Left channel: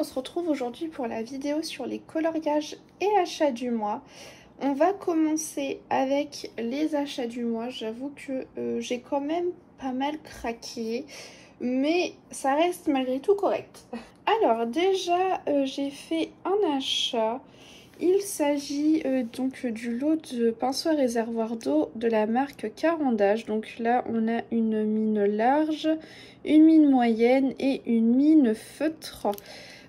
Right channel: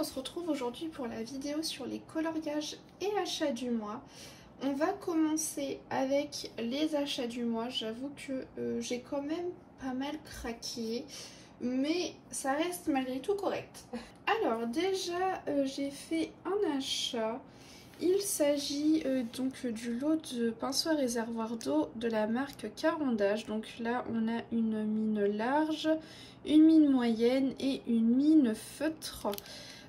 on se retrouve aujourd'hui pour la vidéo sur les coloriages et achats du mois. On va commencer avec les achats du mois. J'avoue que j'ai quand même pas mal craqué, mais ça reste malgré tout correct. Alors déjà, j'ai fait un achat. Il s'agit donc du lot de pinceaux à réservoir d'eau de la marque Carandache. Donc là, on a une mine large, une mine moyenne et une mine feutre.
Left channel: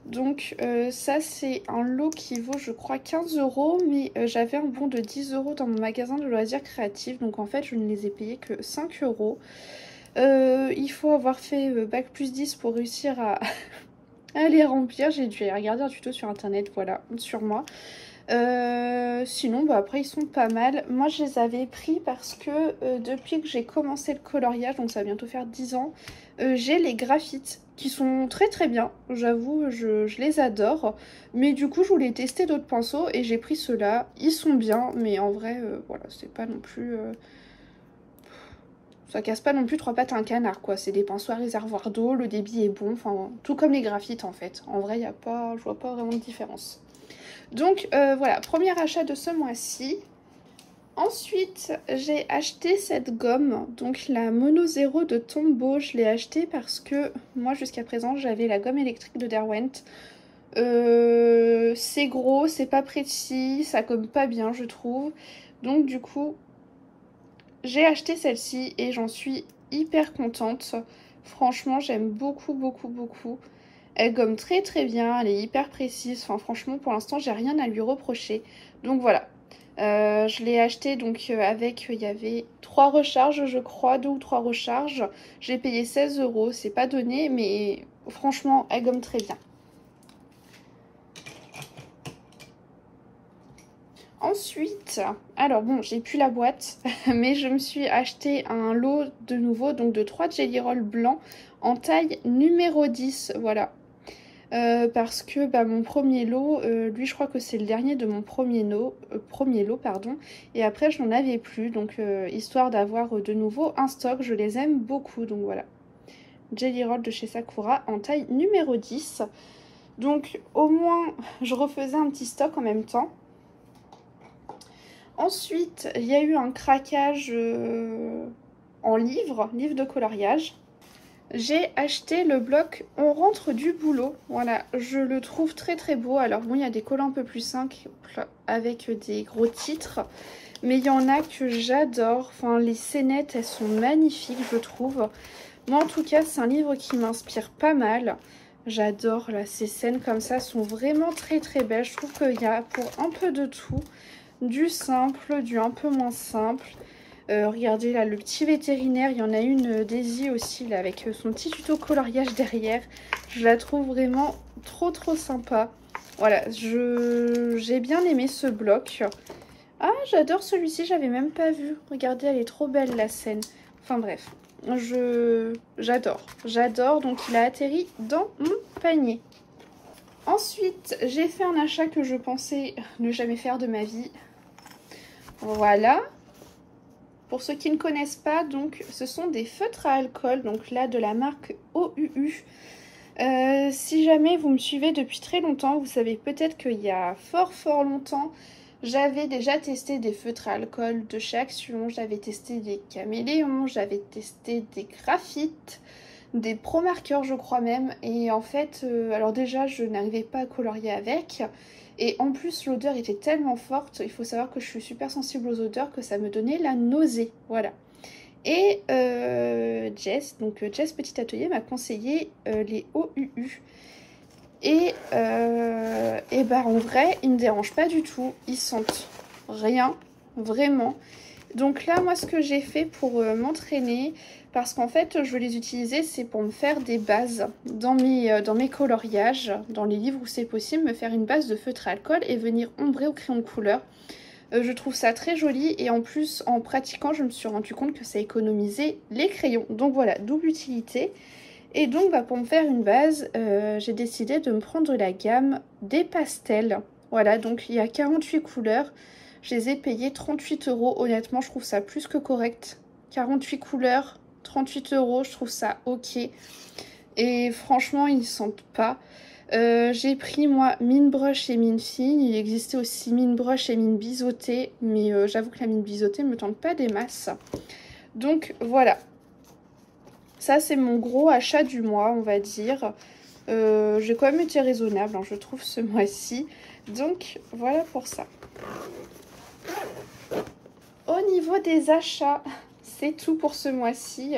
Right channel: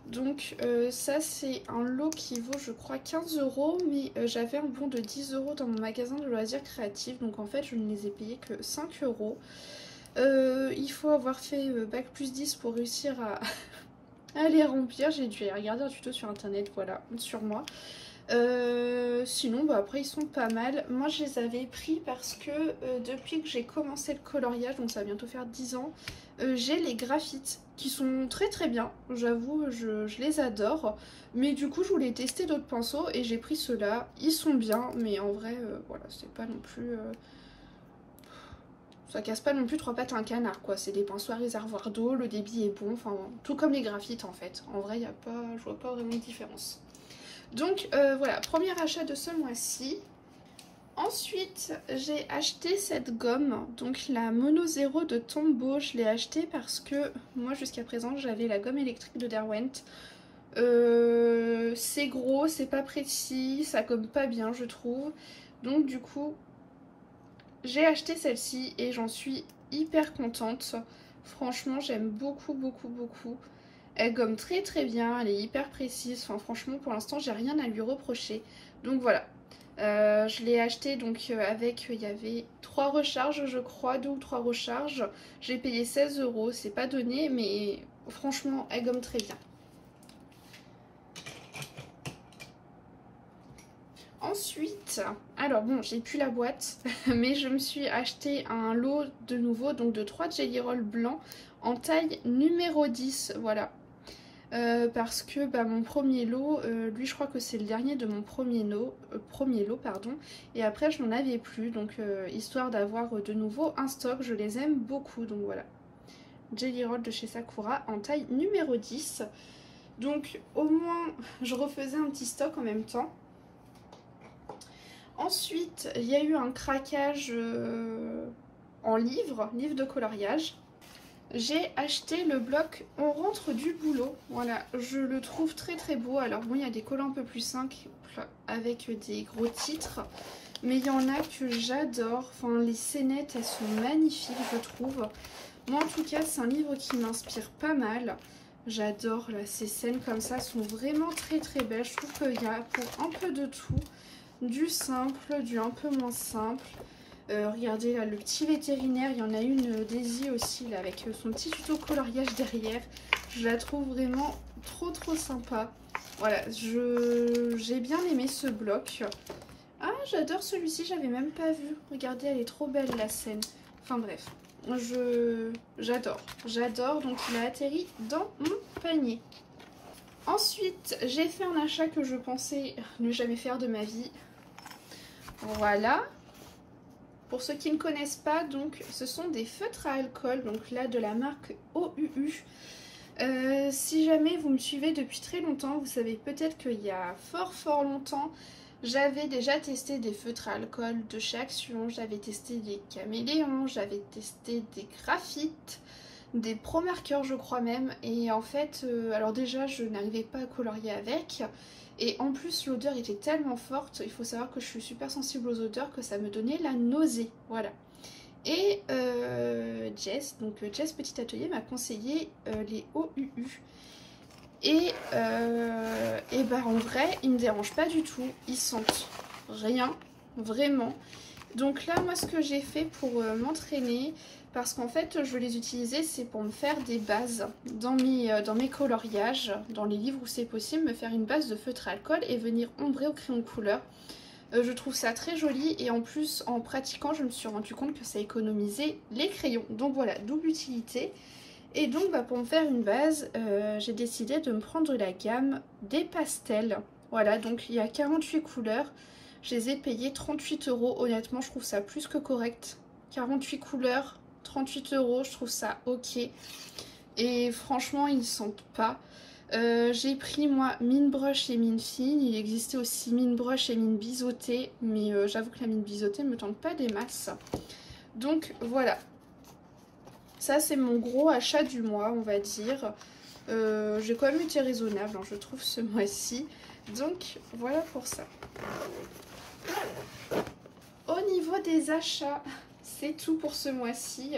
Donc ça, c'est un lot qui vaut, je crois, 15 €, mais j'avais un bon de 10 € dans mon magasin de loisirs créatifs. Donc en fait, je ne les ai payés que 5 €. Il faut avoir fait bac plus 10 pour réussir à les remplir. J'ai dû regarder un tuto sur internet, voilà, sur moi. Sinon bah après ils sont pas mal. Moi je les avais pris parce que depuis que j'ai commencé le coloriage, donc ça va bientôt faire 10 ans, j'ai les graphites qui sont très très bien, j'avoue, je les adore. Mais du coup je voulais tester d'autres pinceaux et j'ai pris ceux-là. Ils sont bien, mais en vrai voilà, c'est pas non plus ça casse pas non plus trois pattes à un canard quoi. C'est des pinceaux à réservoir d'eau, le débit est bon, enfin tout comme les graphites en fait. En vrai je vois pas vraiment de différence. Donc voilà, premier achat de ce mois-ci. Ensuite, j'ai acheté cette gomme, donc la Mono Zero de Tombow. Je l'ai achetée parce que moi jusqu'à présent j'avais la gomme électrique de Derwent. C'est gros, c'est pas précis, ça gomme pas bien je trouve. Donc du coup, j'ai acheté celle-ci et j'en suis hyper contente. Franchement, j'aime beaucoup, beaucoup, beaucoup. Elle gomme très très bien, elle est hyper précise, enfin franchement pour l'instant j'ai rien à lui reprocher. Donc voilà, je l'ai acheté donc avec, il y avait 3 recharges je crois, 2 ou 3 recharges. J'ai payé 16 €, c'est pas donné mais franchement elle gomme très bien. Ensuite, alors bon j'ai plus la boîte mais je me suis acheté un lot de nouveau, donc de 3 Jelly Roll blancs en taille numéro 10, voilà. Parce que bah, mon premier lot, lui je crois que c'est le dernier de mon premier lot, pardon, et après je n'en avais plus, donc histoire d'avoir de nouveau un stock, je les aime beaucoup, donc voilà. Jelly Roll de chez Sakura en taille numéro 10, donc au moins je refaisais un petit stock en même temps. Ensuite il y a eu un craquage en livre de coloriage. J'ai acheté le bloc On rentre du boulot, voilà, je le trouve très très beau. Alors bon, il y a des collants un peu plus simples avec des gros titres, mais il y en a que j'adore, enfin les scénettes elles sont magnifiques je trouve. Moi en tout cas c'est un livre qui m'inspire pas mal, j'adore là, ces scènes comme ça sont vraiment très très belles. Je trouve qu'il y a pour un peu de tout, du simple, du un peu moins simple. Regardez là le petit vétérinaire, il y en a une Daisy aussi là avec son petit tuto coloriage derrière. Je la trouve vraiment trop trop sympa. Voilà, j'ai bien aimé ce bloc. Ah j'adore celui-ci, j'avais même pas vu. Regardez, elle est trop belle la scène. Enfin bref, j'adore, donc il a atterri dans mon panier. Ensuite j'ai fait un achat que je pensais ne jamais faire de ma vie. Voilà. Pour ceux qui ne connaissent pas, donc ce sont des feutres à alcool, donc là de la marque OUU. Si jamais vous me suivez depuis très longtemps, vous savez peut-être qu'il y a fort longtemps, j'avais déjà testé des feutres à alcool de chez Action, j'avais testé des caméléons, j'avais testé des graphites, des pro marqueurs je crois même, et en fait, alors déjà je n'arrivais pas à colorier avec. Et en plus l'odeur était tellement forte, il faut savoir que je suis super sensible aux odeurs, que ça me donnait la nausée, voilà. Et Jess, donc Jess Petit Atelier m'a conseillé les OUU. Et bah en vrai ils me dérangent pas du tout, ils sentent rien, vraiment. Donc là moi ce que j'ai fait pour m'entraîner, parce qu'en fait je veux les utiliser, c'est pour me faire des bases dans mes coloriages, dans les livres où c'est possible, me faire une base de feutre à alcool et venir ombrer au crayon de couleur. Je trouve ça très joli et en plus en pratiquant je me suis rendu compte que ça économisait les crayons. Donc voilà, double utilité. Et donc bah, pour me faire une base, j'ai décidé de me prendre la gamme des pastels. Voilà, donc il y a 48 couleurs. Je les ai payés 38 €. Honnêtement, je trouve ça plus que correct. 48 couleurs, 38 €, je trouve ça ok. Et franchement, ils ne sentent pas. J'ai pris moi mine brush et mine fine. Il existait aussi mine brush et mine biseautée, mais j'avoue que la mine biseautée me tente pas des masses. Donc voilà, ça c'est mon gros achat du mois, on va dire. J'ai quand même été raisonnable, hein, je trouve, ce mois-ci. Donc voilà pour ça. Au niveau des achats, c'est tout pour ce mois-ci.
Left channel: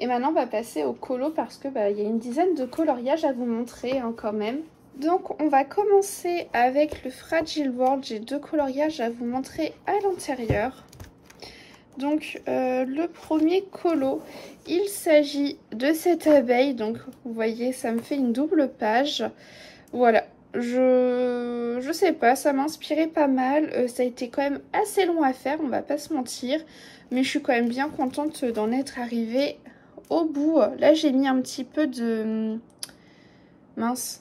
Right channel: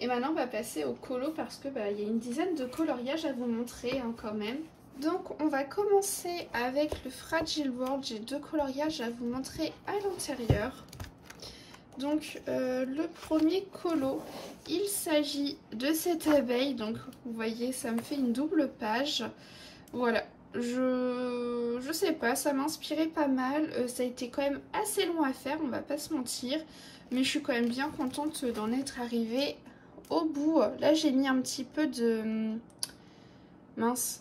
Et maintenant on va passer au colo parce que il y a une dizaine de coloriages à vous montrer hein, quand même. Donc on va commencer avec le Fragile World. J'ai 2 coloriages à vous montrer à l'intérieur. Donc le premier colo, il s'agit de cette abeille. Donc vous voyez, ça me fait une double page. Voilà, je sais pas, ça m'a inspiré pas mal. Ça a été quand même assez long à faire, on va pas se mentir. Mais je suis quand même bien contente d'en être arrivée au bout. Là j'ai mis un petit peu de... mince,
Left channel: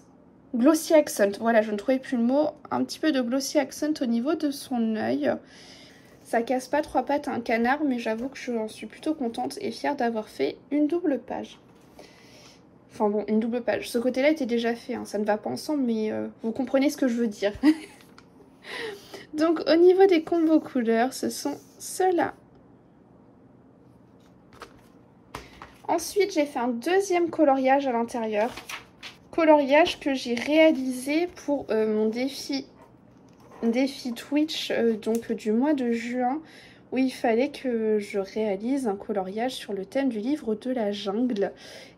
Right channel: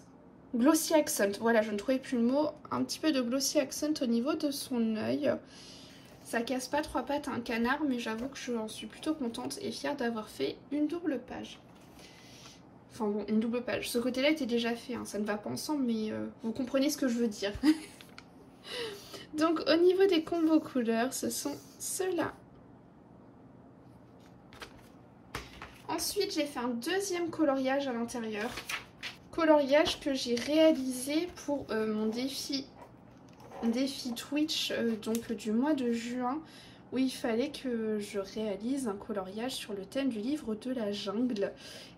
Glossy Accent. Voilà, je ne trouvais plus le mot. Un petit peu de Glossy Accent au niveau de son œil. Ça casse pas 3 pattes à un canard, mais j'avoue que j'en suis plutôt contente et fière d'avoir fait une double page. Enfin bon, une double page. Ce côté-là était déjà fait, hein. Ça ne va pas ensemble, mais vous comprenez ce que je veux dire. Donc au niveau des combos couleurs, ce sont ceux-là. Ensuite, j'ai fait un deuxième coloriage à l'intérieur. Coloriage que j'ai réalisé pour mon défi Twitch donc du mois de juin, où il fallait que je réalise un coloriage sur le thème du livre de la jungle.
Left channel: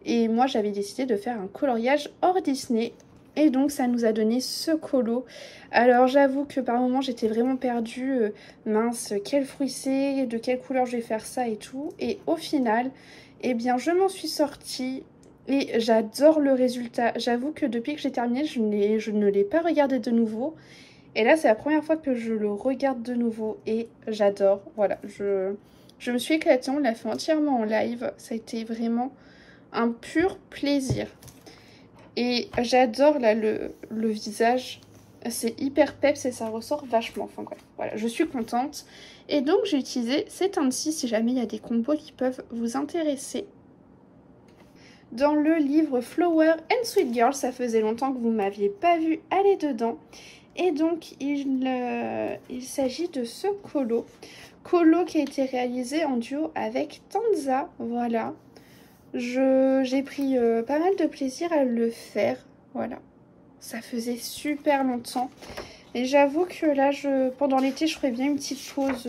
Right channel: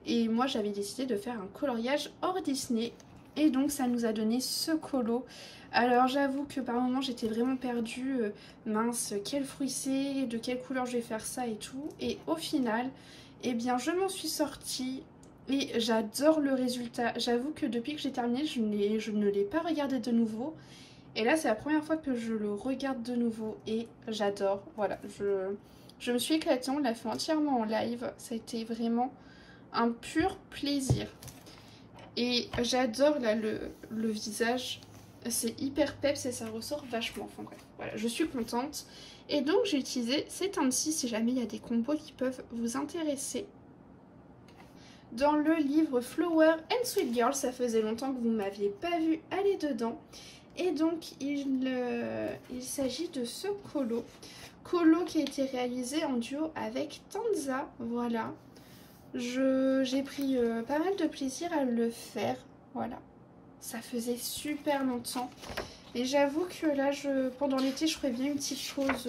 Et moi j'avais décidé de faire un coloriage hors Disney. Et donc ça nous a donné ce colo. Alors j'avoue que par moments j'étais vraiment perdue. Mince, quel fruit c'est, de quelle couleur je vais faire ça et tout. Et au final, eh bien je m'en suis sortie. Et j'adore le résultat. J'avoue que depuis que j'ai terminé, je ne l'ai pas regardé de nouveau. Et là, c'est la première fois que je le regarde de nouveau et j'adore. Voilà, je me suis éclatée, on l'a fait entièrement en live. Ça a été vraiment un pur plaisir. Et j'adore là le visage. C'est hyper peps et ça ressort vachement. Enfin bref, voilà, je suis contente. Et donc, j'ai utilisé ces teintes-ci si jamais il y a des combos qui peuvent vous intéresser. Dans le livre Flower and Sweet Girl, ça faisait longtemps que vous ne m'aviez pas vu aller dedans. Et donc il s'agit de ce colo. Colo qui a été réalisé en duo avec Tanza. Voilà. J'ai pris pas mal de plaisir à le faire. Voilà. Ça faisait super longtemps. Et j'avoue que là, pendant l'été, je ferais bien une petite chose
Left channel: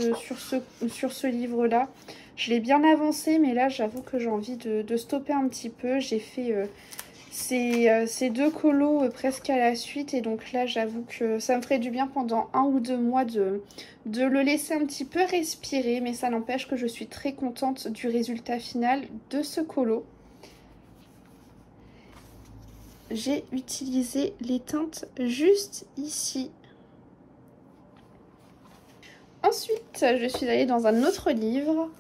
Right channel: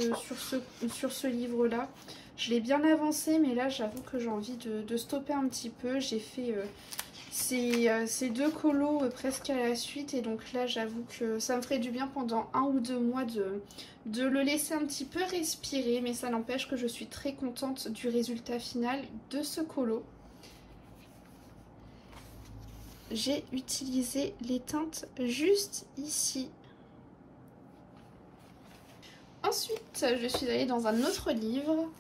sur ce livre-là. Je l'ai bien avancé, mais là, j'avoue que j'ai envie de stopper un petit peu. J'ai fait... ces 2 colos presque à la suite et donc là j'avoue que ça me ferait du bien pendant 1 ou 2 mois de le laisser un petit peu respirer, mais ça n'empêche que je suis très contente du résultat final de ce colo. J'ai utilisé les teintes juste ici. Ensuite je suis allée dans un autre livre.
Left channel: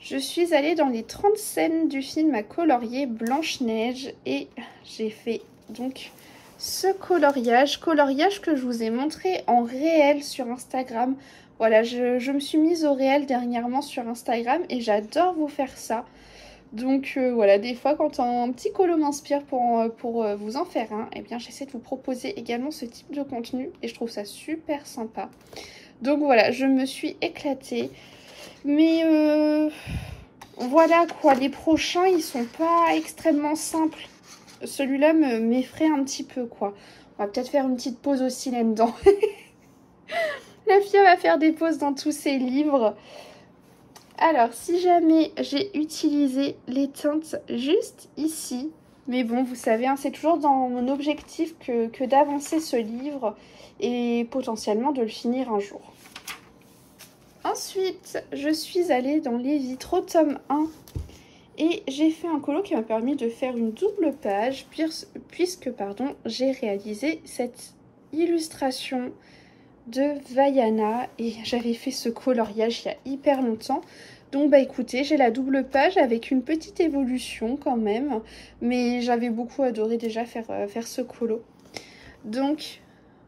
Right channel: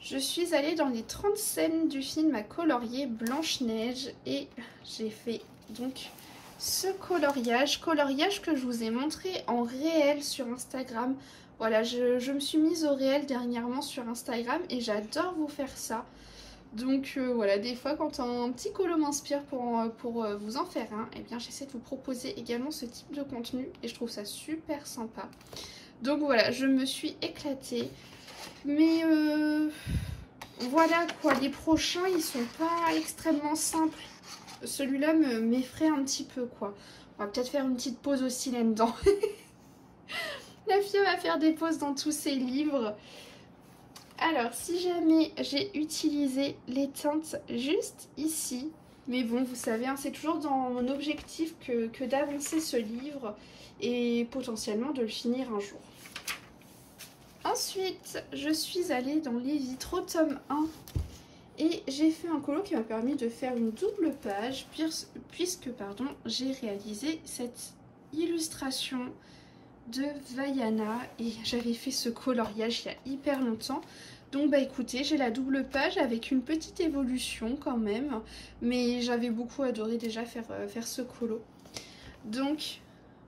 Je suis allée dans les 30 scènes du film à colorier Blanche-Neige et j'ai fait donc ce coloriage que je vous ai montré en réel sur Instagram. Voilà, je me suis mise au réel dernièrement sur Instagram et j'adore vous faire ça. Donc voilà, des fois quand un petit colo m'inspire pour vous en faire un, eh bien j'essaie de vous proposer également ce type de contenu et je trouve ça super sympa. Donc voilà, je me suis éclatée. Mais voilà quoi, les prochains ils sont pas extrêmement simples. Celui-là m'effraie un petit peu quoi. On va peut-être faire une petite pause aussi là-dedans. La fille va faire des pauses dans tous ses livres. Alors si jamais j'ai utilisé les teintes juste ici. Mais bon vous savez, hein, c'est toujours dans mon objectif que d'avancer ce livre. Et potentiellement de le finir un jour. Ensuite, je suis allée dans les vitraux tome 1 et j'ai fait un colo qui m'a permis de faire une double page puisque j'ai réalisé cette illustration de Vaiana et j'avais fait ce coloriage il y a hyper longtemps. Donc bah écoutez, j'ai la double page avec une petite évolution quand même, mais j'avais beaucoup adoré déjà faire ce colo. Donc...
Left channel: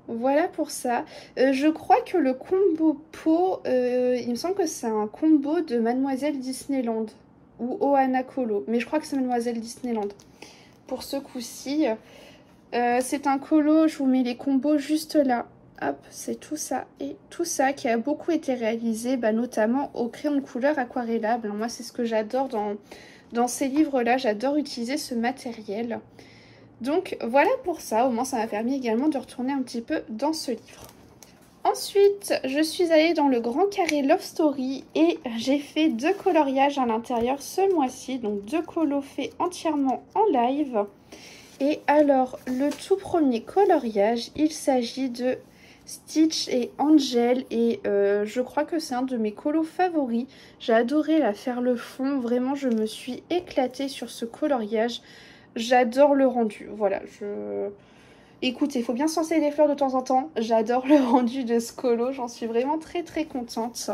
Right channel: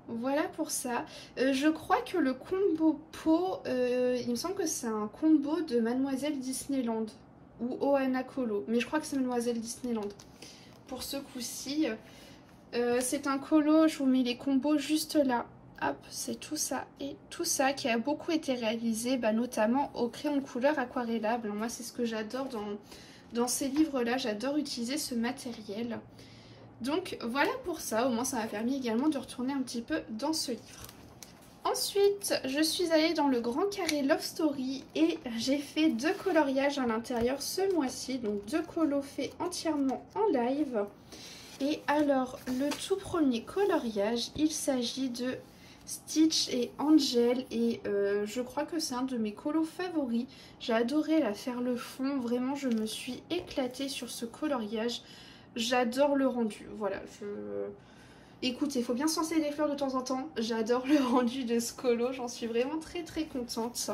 voilà pour ça. Je crois que le combo peau, il me semble que c'est un combo de Mademoiselle Disneyland. ou Ohana Colo, mais je crois que c'est Mademoiselle Disneyland. Pour ce coup-ci, c'est un colo, je vous mets les combos juste là. Hop, c'est tout ça et tout ça qui a beaucoup été réalisé, notamment au crayon de couleur aquarellable. Moi, c'est ce que j'adore dans ces livres-là, j'adore utiliser ce matériel. Donc voilà pour ça, au moins ça m'a permis également de retourner un petit peu dans ce livre. Ensuite, je suis allée dans le Grand Carré Love Story et j'ai fait 2 coloriages à l'intérieur ce mois-ci. Donc 2 colos faits entièrement en live. Et alors, le tout premier coloriage, il s'agit de Stitch et Angel. Et je crois que c'est un de mes colos favoris. J'ai adoré la faire le fond. Vraiment, je me suis éclatée sur ce coloriage. J'adore le rendu. Voilà, Écoutez, il faut bien senser les fleurs de temps en temps. J'adore le rendu de ce colo. J'en suis vraiment très très contente.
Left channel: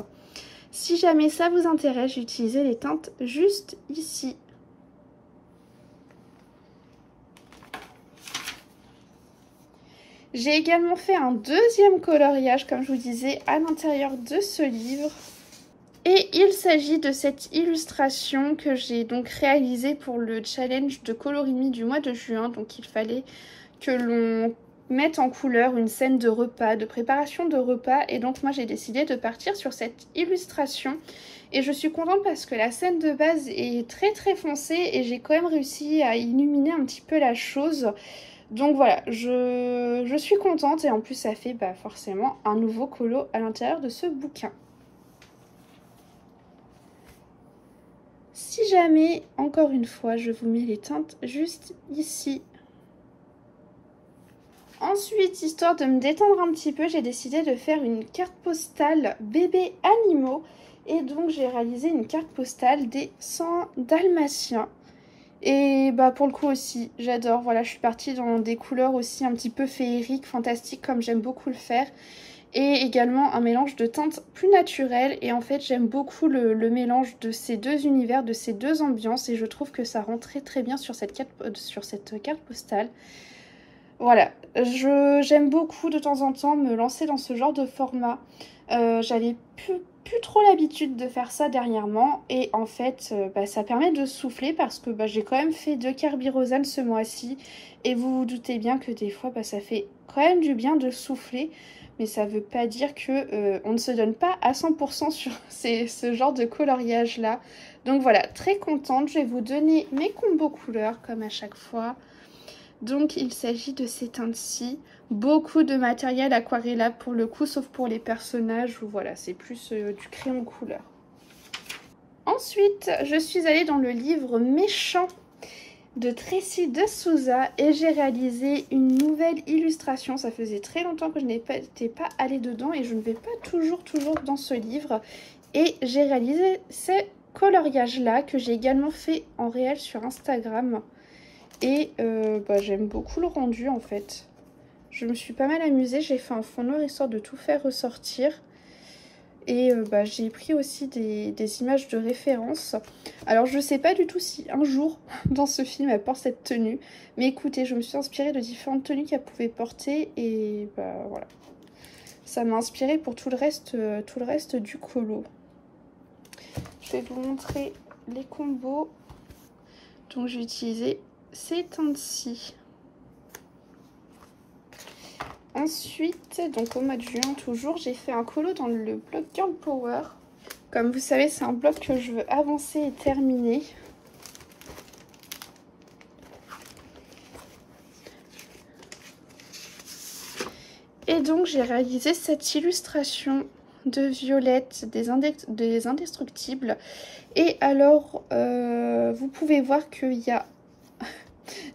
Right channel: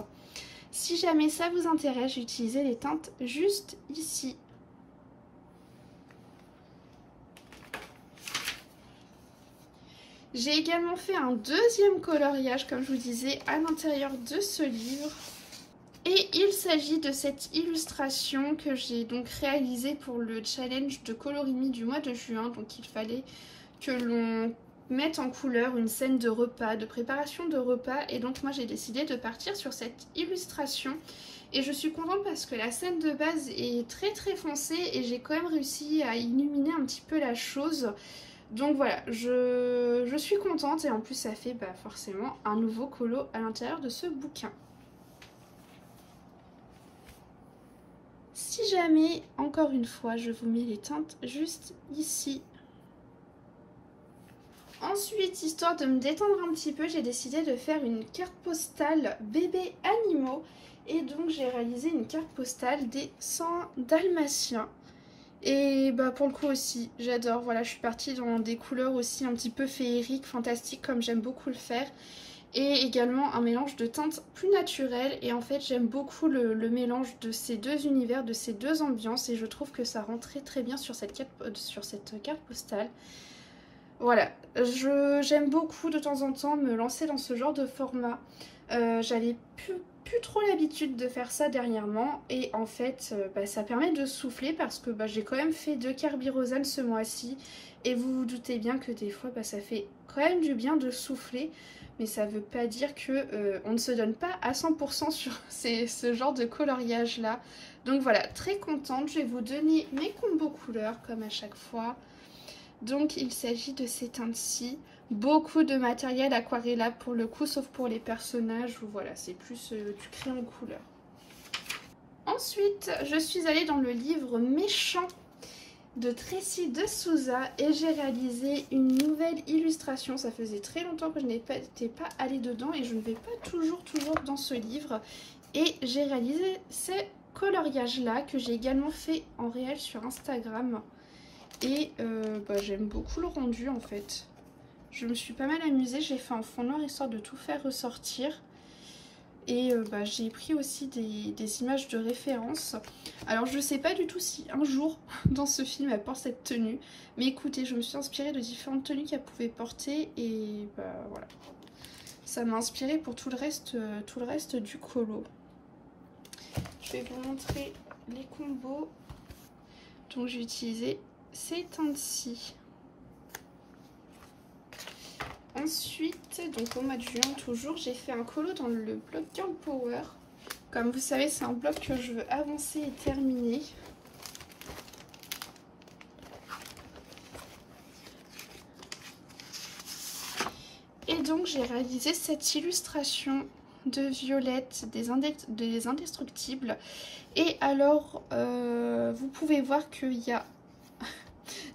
Si jamais ça vous intéresse, j'ai utilisé les teintes juste ici. J'ai également fait un deuxième coloriage, comme je vous disais, à l'intérieur de ce livre. Et il s'agit de cette illustration que j'ai donc réalisée pour le challenge de colorimie du mois de juin. Donc il fallait que l'on mette en couleur une scène de repas, de préparation de repas. Et donc moi j'ai décidé de partir sur cette illustration. Et je suis contente parce que la scène de base est très très foncée et j'ai quand même réussi à illuminer un petit peu la chose. Donc voilà, je suis contente et en plus ça fait forcément un nouveau colo à l'intérieur de ce bouquin. Si jamais, encore une fois, je vous mets les teintes juste ici. Ensuite, histoire de me détendre un petit peu, j'ai décidé de faire une carte postale bébé animaux. Et donc j'ai réalisé une carte postale des 100 dalmatiens. Et pour le coup aussi, j'adore. Voilà, je suis partie dans des couleurs aussi un petit peu féeriques, fantastiques, comme j'aime beaucoup le faire. Et également un mélange de teintes plus naturelles. Et en fait, j'aime beaucoup le mélange de ces deux univers, de ces deux ambiances. Et je trouve que ça rend très très bien sur cette carte postale. Voilà, j'aime beaucoup de temps en temps me lancer dans ce genre de format. J'avais plus trop l'habitude de faire ça dernièrement. Et en fait, ça permet de souffler parce que j'ai quand même fait 2 Carbirosane ce mois-ci. Et vous vous doutez bien que des fois, ça fait quand même du bien de souffler. Mais ça veut pas dire que on ne se donne pas à 100% sur ce genre de coloriage là. Donc voilà, très contente. Je vais vous donner mes combos couleurs comme à chaque fois. Donc il s'agit de ces teintes-ci. Beaucoup de matériel aquarellable pour le coup, sauf pour les personnages où voilà, c'est plus du crayon couleur. Ensuite, je suis allée dans le livre Méchant de Tracy de Souza et j'ai réalisé une nouvelle illustration. Ça faisait très longtemps que je n'étais pas allée dedans et je ne vais pas toujours dans ce livre. Et j'ai réalisé ces coloriages là que j'ai également fait en réel sur Instagram. Et j'aime beaucoup le rendu en fait. Je me suis pas mal amusée, j'ai fait un fond noir histoire de tout faire ressortir. Et j'ai pris aussi des images de référence. Alors je sais pas du tout si un jour dans ce film elle porte cette tenue. Mais écoutez, je me suis inspirée de différentes tenues qu'elle pouvait porter. Et voilà. Ça m'a inspirée pour tout le reste du colo. Je vais vous montrer les combos. Donc j'ai utilisé ces teintes-ci. Ensuite, donc au mois de juin toujours, j'ai fait un colo dans le bloc Girl Power. Comme vous savez, c'est un bloc que je veux avancer et terminer. Et donc j'ai réalisé cette illustration de Violette des Indestructibles. Et alors, vous pouvez voir qu'il y a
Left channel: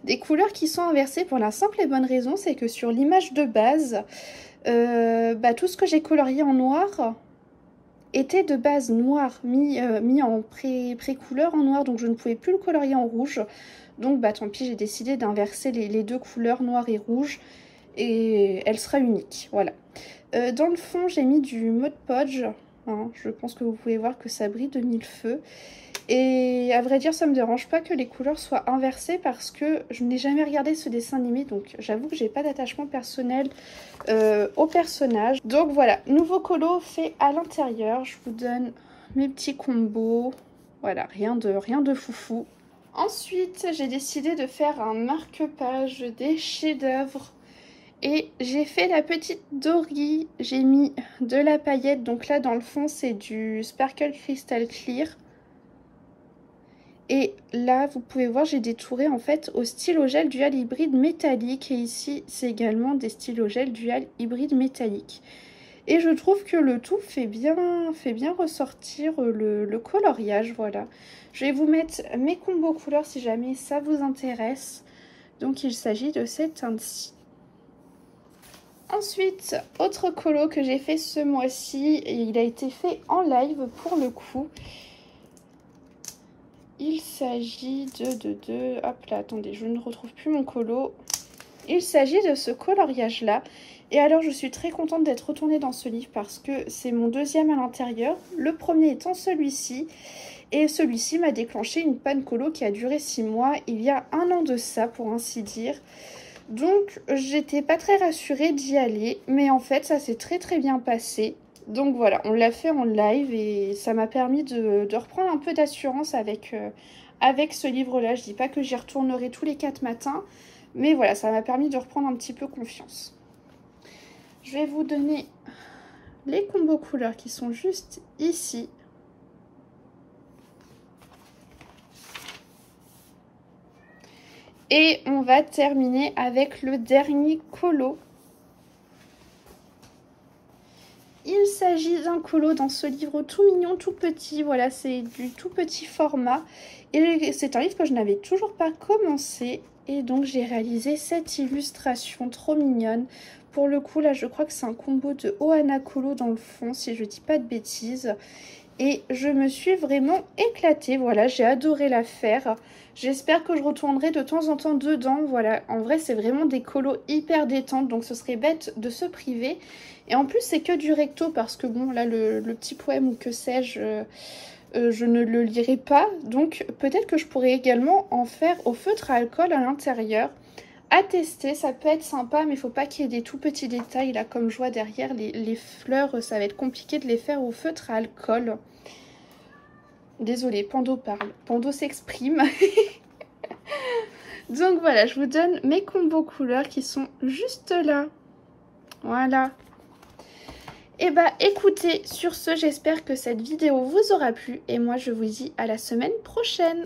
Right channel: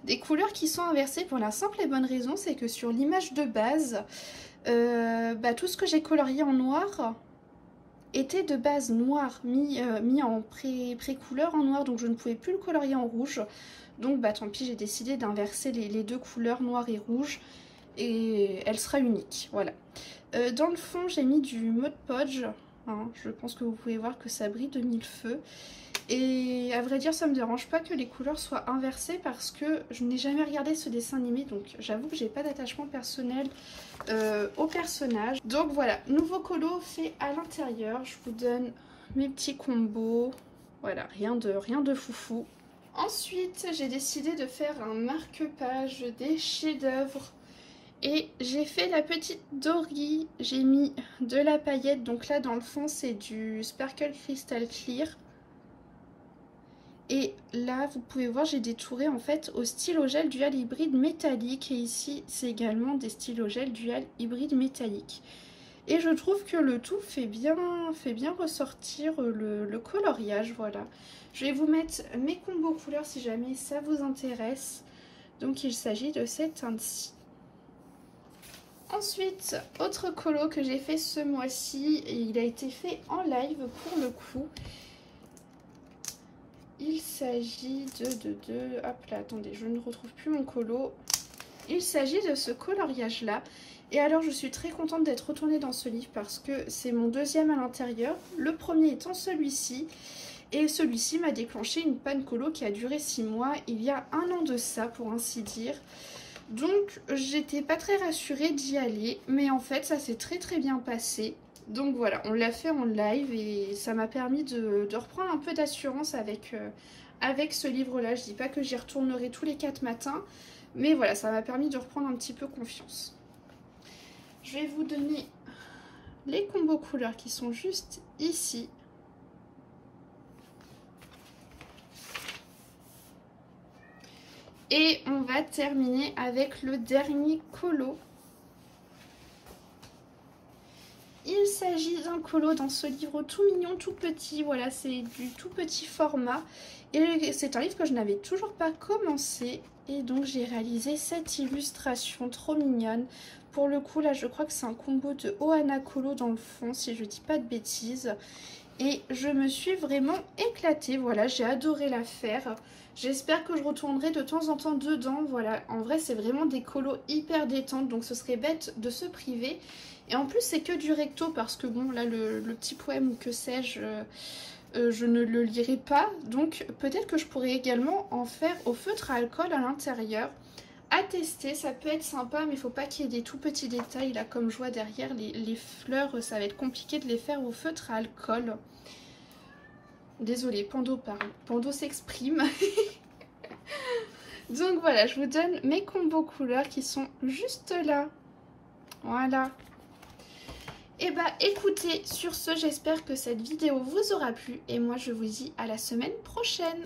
des couleurs qui sont inversées pour la simple et bonne raison, c'est que sur l'image de base, tout ce que j'ai colorié en noir était de base noir, mis en pré-couleur en noir, donc je ne pouvais plus le colorier en rouge. Donc tant pis, j'ai décidé d'inverser les deux couleurs, noir et rouge, et elle sera unique, voilà. Dans le fond, j'ai mis du Mod Podge, hein, je pense que vous pouvez voir que ça brille de mille feux. Et à vrai dire, ça me dérange pas que les couleurs soient inversées parce que je n'ai jamais regardé ce dessin animé, donc j'avoue que j'ai pas d'attachement personnel au personnage. Donc voilà, nouveau colo fait à l'intérieur. Je vous donne mes petits combos. Voilà, rien de foufou. Ensuite, j'ai décidé de faire un marque-page des chefs-d'œuvre. Et j'ai fait la petite Dory. J'ai mis de la paillette. Donc là, dans le fond, c'est du Sparkle Crystal Clear. Et là, vous pouvez voir, j'ai détouré en fait au stylo gel dual hybride métallique. Et ici, c'est également des stylos gel dual hybride métallique. Et je trouve que le tout fait bien ressortir le coloriage, voilà. Je vais vous mettre mes combos couleurs si jamais ça vous intéresse. Donc il s'agit de cette teinte-ci. Ensuite, autre colo que j'ai fait ce mois-ci, et il a été fait en live pour le coup. Il s'agit de... Hop là, attendez, je ne retrouve plus mon colo. Il s'agit de ce coloriage-là. Et alors, je suis très contente d'être retournée dans ce livre parce que c'est mon deuxième à l'intérieur. Le premier étant celui-ci. Et celui-ci m'a déclenché une panne colo qui a duré 6 mois, il y a 1 an de ça, pour ainsi dire. Donc, j'étais pas très rassurée d'y aller. Mais en fait, ça s'est très bien passé. Donc voilà, on l'a fait en live et ça m'a permis de reprendre un peu d'assurance avec ce livre-là. Je dis pas que j'y retournerai tous les 4 matins. Mais voilà, ça m'a permis de reprendre un petit peu confiance. Je vais vous donner les combos couleurs qui sont juste ici. Et on va terminer avec le dernier colo. Il s'agit d'un colo dans ce livre tout mignon, tout petit. Voilà, c'est du tout petit format. Et c'est un livre que je n'avais toujours pas commencé. Et donc j'ai réalisé cette illustration trop mignonne. Pour le coup, là, je crois que c'est un combo de Ohana Colo dans le fond, si je dis pas de bêtises. Et je me suis vraiment éclatée. Voilà, j'ai adoré la faire. J'espère que je retournerai de temps en temps dedans. Voilà, en vrai, c'est vraiment des colos hyper détentes. Donc, ce serait bête de se priver. Et en plus, c'est que du recto parce que, bon, là, le petit poème ou que sais-je, je ne le lirai pas. Donc, peut-être que je pourrais également en faire au feutre à alcool à l'intérieur. À tester, ça peut être sympa, mais il ne faut pas qu'il y ait des tout petits détails. Là, comme je vois derrière, les fleurs, ça va être compliqué de les faire au feutre à alcool. Désolée, Pando parle. Pando s'exprime. Donc voilà, je vous donne mes combos couleurs qui sont juste là. Voilà. Et bah écoutez, sur ce, j'espère que cette vidéo vous aura plu. Et moi, je vous dis à la semaine prochaine.